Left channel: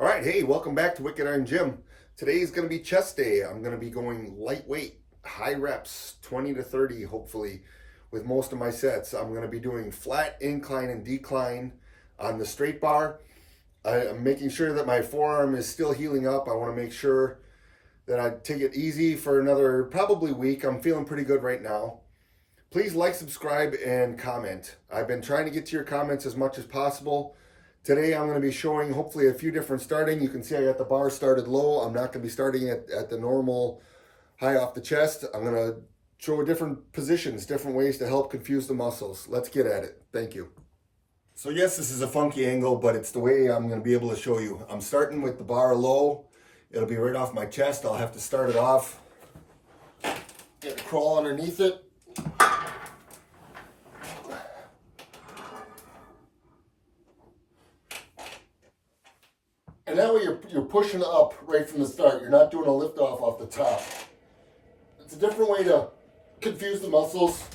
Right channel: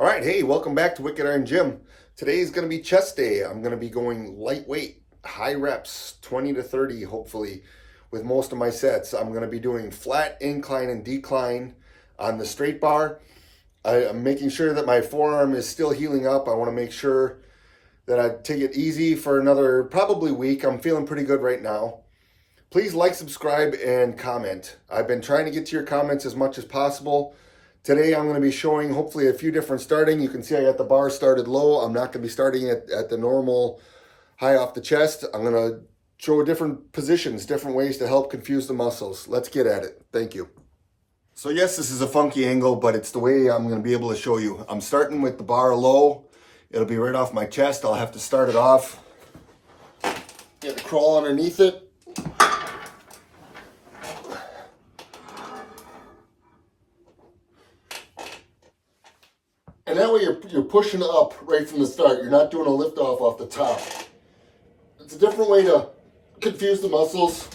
All right, hey, welcome back to Wicked Iron Gym. Today is going to be chest day. I'm going to be going lightweight, high reps, 20 to 30, hopefully, with most of my sets. I'm going to be doing flat, incline, and decline on the straight bar. I'm making sure that my forearm is still healing up. I want to make sure that I take it easy for another probably week. I'm feeling pretty good right now. Please like, subscribe, and comment. I've been trying to get to your comments as much as possible. Today I'm going to be showing hopefully a few different starting. You can see I got the bar started low. I'm not going to be starting at the normal high off the chest. I'm going to show different positions, different ways to help confuse the muscles. Let's get at it. Thank you. So yes, this is a funky angle, but it's the way I'm going to be able to show you. I'm starting with the bar low. It'll be right off my chest. I'll have to start it off. Get to crawl underneath it. And that way you're pushing up right from the start. You're not doing a lift off the top. It's a different way to confuse the muscles.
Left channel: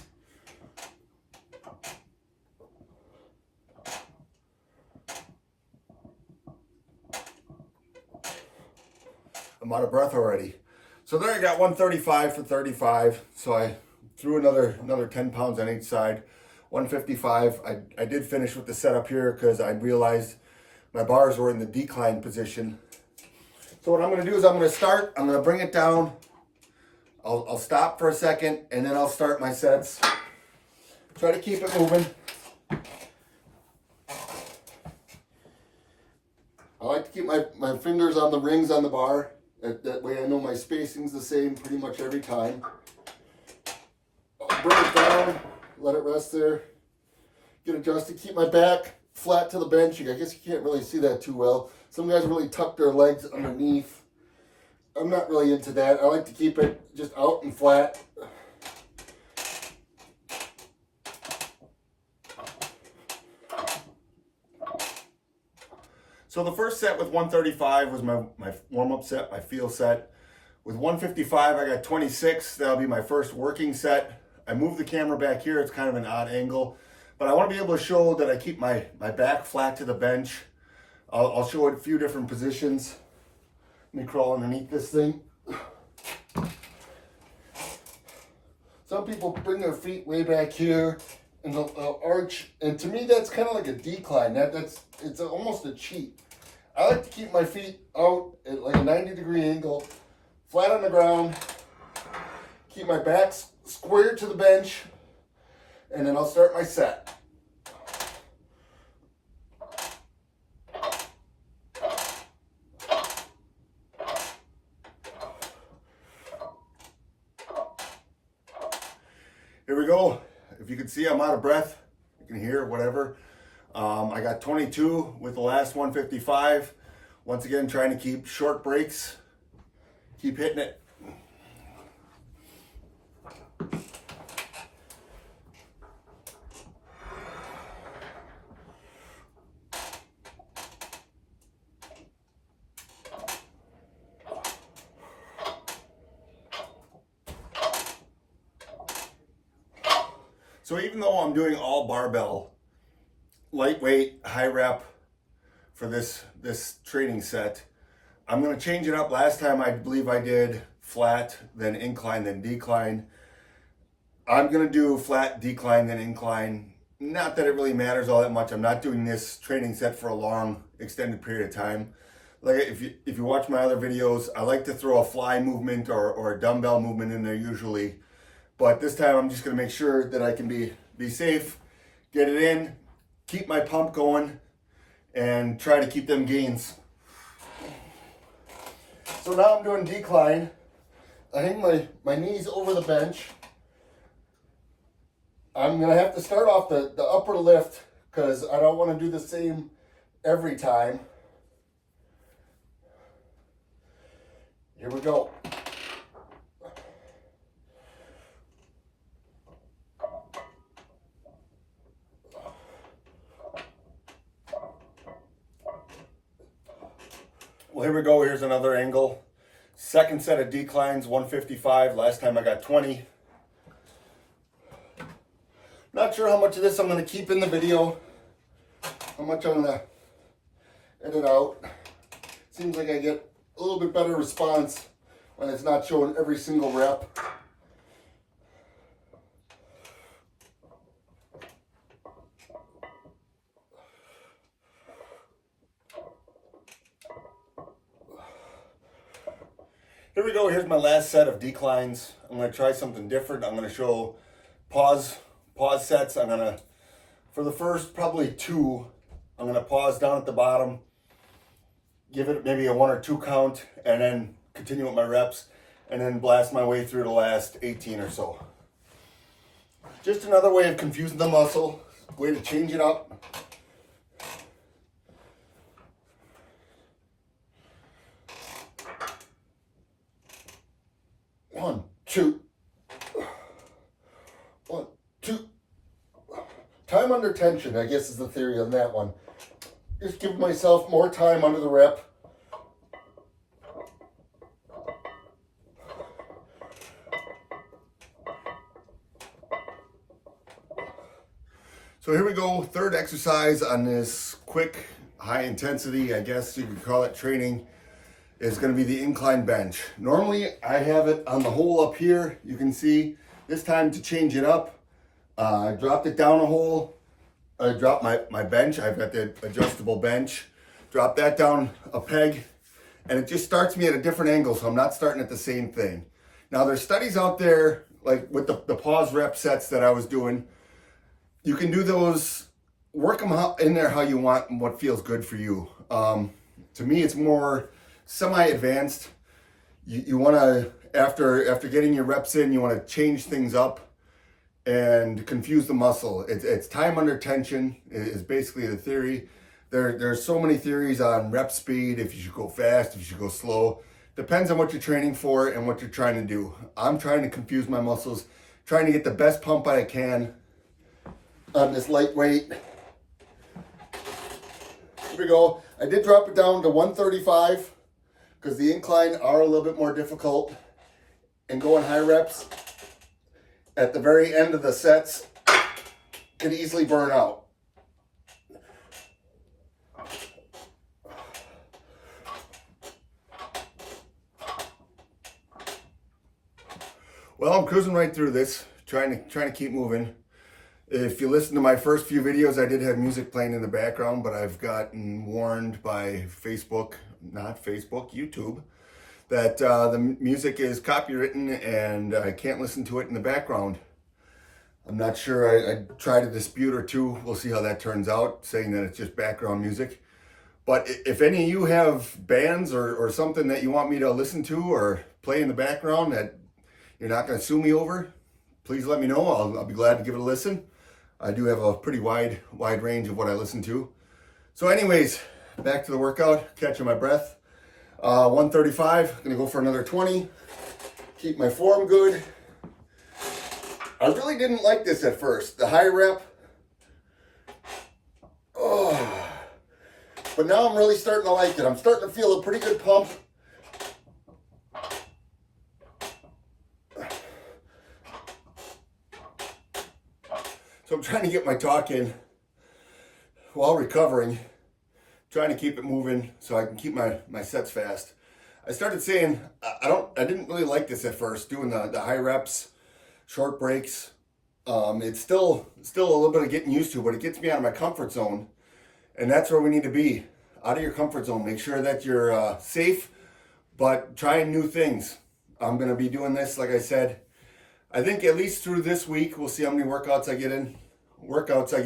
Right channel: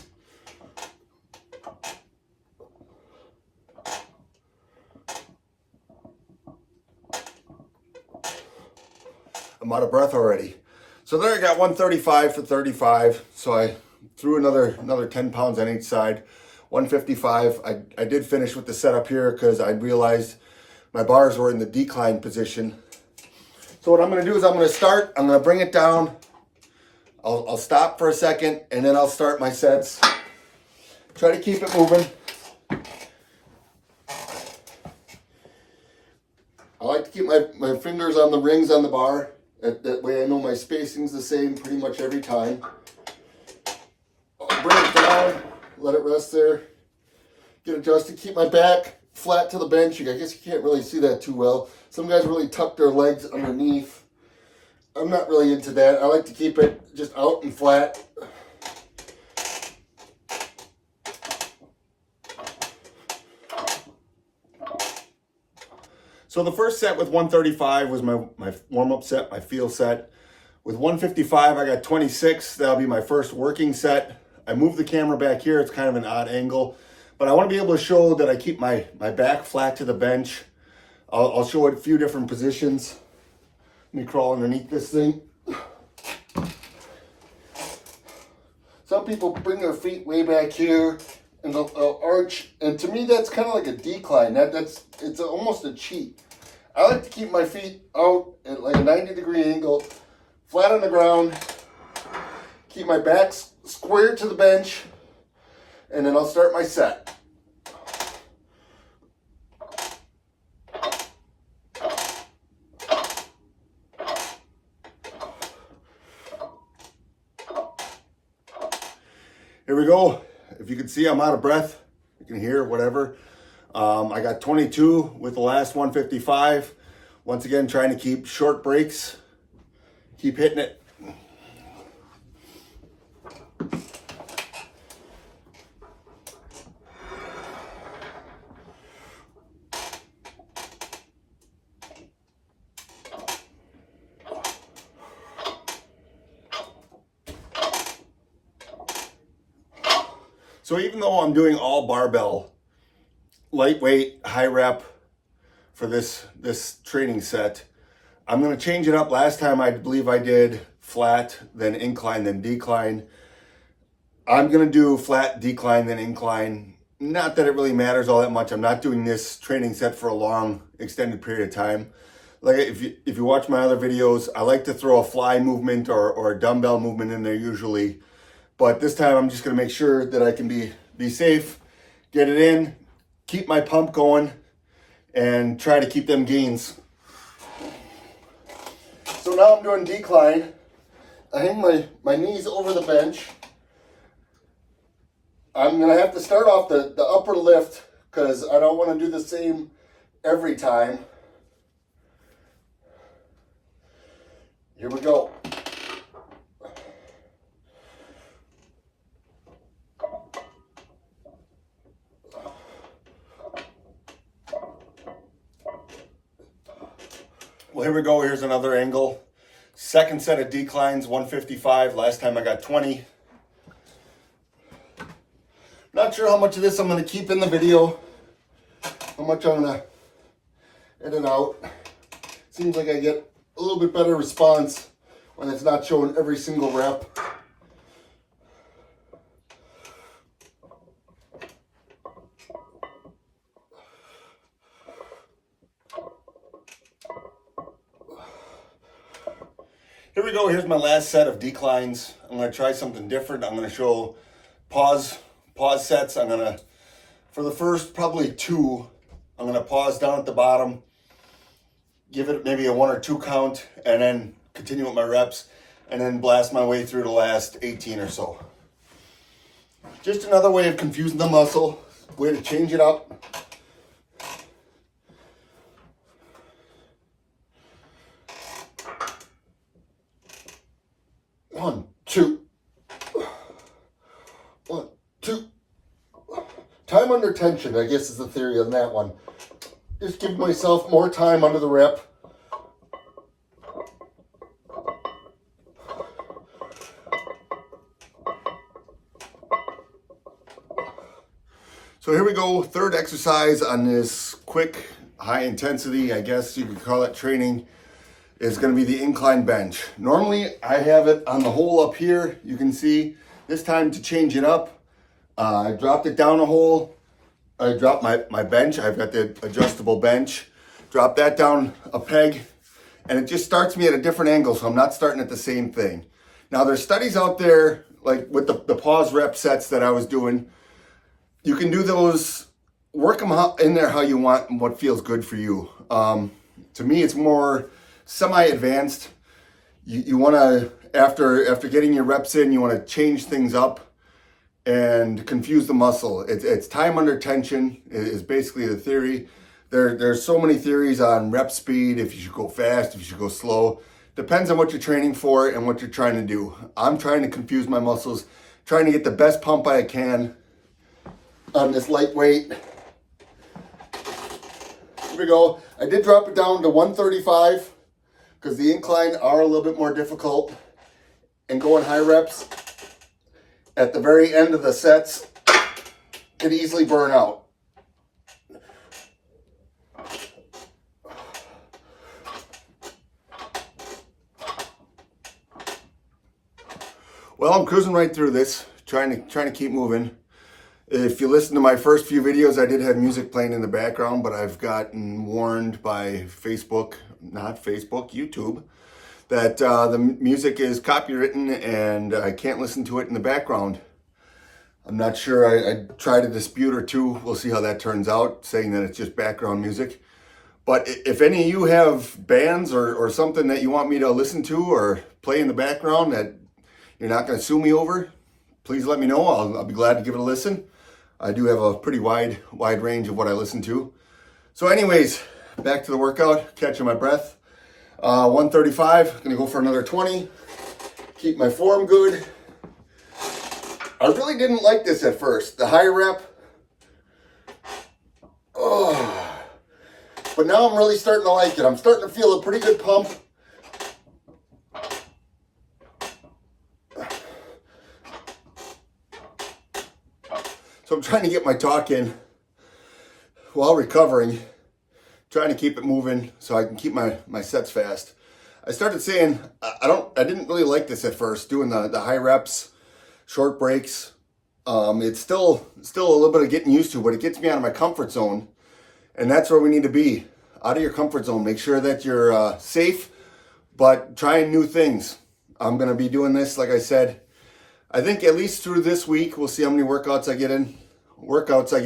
I'm out of breath already. So there I got 135 for 35. So I threw another 10 pounds on each side. 155. I did finish with the setup here because I realized my bars were in the decline position. So what I'm going to do is I'm going to start. I'm going to bring it down. I'll stop for a second and then I'll start my sets. Try to keep it moving. I like to keep my fingers on the rings on the bar. That way I know my spacing's the same pretty much every time. I'll bring it down, let it rest there. Get adjusted, keep my back flat to the bench. I guess you can't really see that too well. Some guys really tuck their legs underneath. I'm not really into that. I like to keep it just out and flat. So the first set with 135 was my warm-up set, my feel set. With 155, I got 26. That'll be my first working set. I moved the camera back here. It's kind of an odd angle. But I want to be able to show that I keep my back flat to the bench. I'll show it a few different positions. Let me crawl underneath this thing. Some people bring their feet way back here and they'll arch. And to me, that's kind of like a decline. It's almost a cheat. I like to keep my feet out at like a 90-degree angle, flat on the ground. Keep my back square to the bench. And then I'll start my set. Here we go. If you can see, I'm out of breath. You can hear whatever. I got 22 with the last 155. Once again, trying to keep short breaks. Keep hitting it. So even though I'm doing all barbell, lightweight, high rep for this training set, I'm going to change it up. Last time I believe I did flat, then incline, then decline. I'm going to do flat, decline, then incline. Not that it really matters all that much. I'm not doing this training set for a long, extended period of time. Like if you watch my other videos, I like to throw a fly movement or a dumbbell movement in there usually. But this time I'm just going to make sure that I can be safe, get it in, keep my pump going, and try to keep them gains. So now I'm doing decline. I hang my knees over the bench. I'm going to have to start off the upper lift because I don't want to do the same every time. Here we go. Well, here we go. Here's another angle. Second set of declines, 155. Last time I got 20. Not sure how much of this I'm going to keep in the video. How much I'm going to in and out. Seems like I get a little bit better response when it's not showing every single rep. Here we go. Here's my last set of declines. I'm going to try something different. I'm going to show pause sets. I'm going to, for the first probably 2, I'm going to pause down at the bottom, give it maybe a 1 or 2 count, and then continue with my reps, and then blast my way through the last 18 or so. Just another way of confusing the muscle, way to change it up. One, two. 1, 2. Time under tension, I guess, is the theory on that one. Just give myself more time under the rep. So here we go, third exercise on this quick, high intensity, I guess you could call it training, is going to be the incline bench. Normally I have it on the hole up here. You can see this time to change it up, I dropped it down a hole. I dropped my bench. I've got the adjustable bench. Drop that down a peg, and it just starts me at a different angle, so I'm not starting at the same thing. Now there's studies out there, like with the pause rep sets that I was doing. You can do those, work them in there how you want and what feels good for you. To me, it's more semi-advanced. You want to, after getting your reps in, you want to change things up and confuse the muscle. It's time under tension is basically the theory. There's so many theories on rep speed, if you should go fast, if you should go slow. Depends on what you're training for and what you're trying to do. I'm trying to confuse my muscles, trying to get the best pump I can on this lightweight. Here we go. I did drop it down to 135 because the incline are a little bit more difficult, and going high reps at the very end of the sets can easily burn out. Well, I'm cruising right through this, trying to keep moving. If you listen to my first few videos, I did have music playing in the background, but I've gotten warned by YouTube, that the music is copywritten and I can't listen to it in the background. I'm not sure. I tried a dispute or two. We'll see how that turns out, saying that it's just background music. But if any of you have bands or something that you want me to listen to or play in the background that you're not going to sue me over, please let me know. I'll be glad to give it a listen. I do have a pretty wide range of what I listen to. So anyways, back to the workout, catching my breath. 135, gonna go for another 20. Keep my form good. I really didn't like this at first, the high rep. Oh. But now I'm really starting to like it. I'm starting to feel a pretty good pump. So I'm trying to get my talk in while recovering, trying to keep it moving so I can keep my sets fast. I started saying, I didn't really like this at first, doing the high reps, short breaks. It's still a little bit of getting used to, but it gets me out of my comfort zone. And that's where we need to be, out of your comfort zone. Make sure that you're safe, but trying new things. I'm gonna be doing this, like I said, I think at least through this week. We'll see how many workouts I get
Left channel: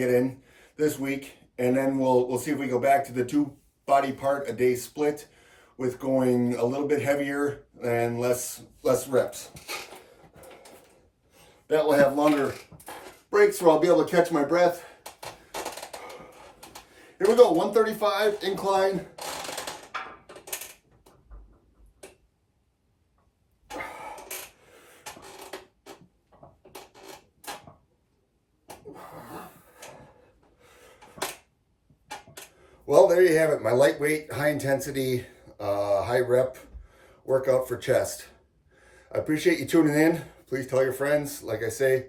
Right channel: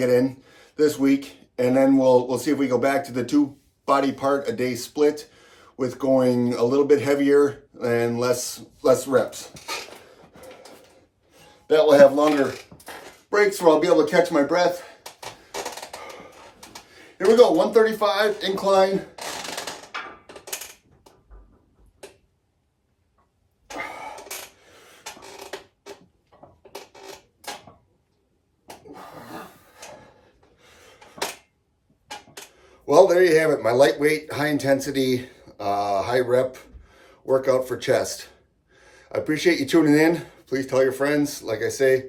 in this week, and then we'll see if we go back to the 2 body part a day split with going a little bit heavier and less reps. That will have longer breaks where I'll be able to catch my breath. Here we go, 135 incline. Well, there you have it, my lightweight, high intensity, high rep workout for chest. I appreciate you tuning in. Please tell your friends. Like I say,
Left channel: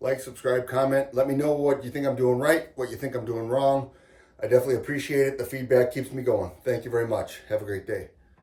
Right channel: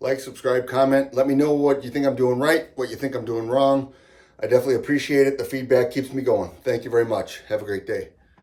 like, subscribe, comment. Let me know what you think I'm doing right, what you think I'm doing wrong. I definitely appreciate it. The feedback keeps me going. Thank you very much. Have a great day.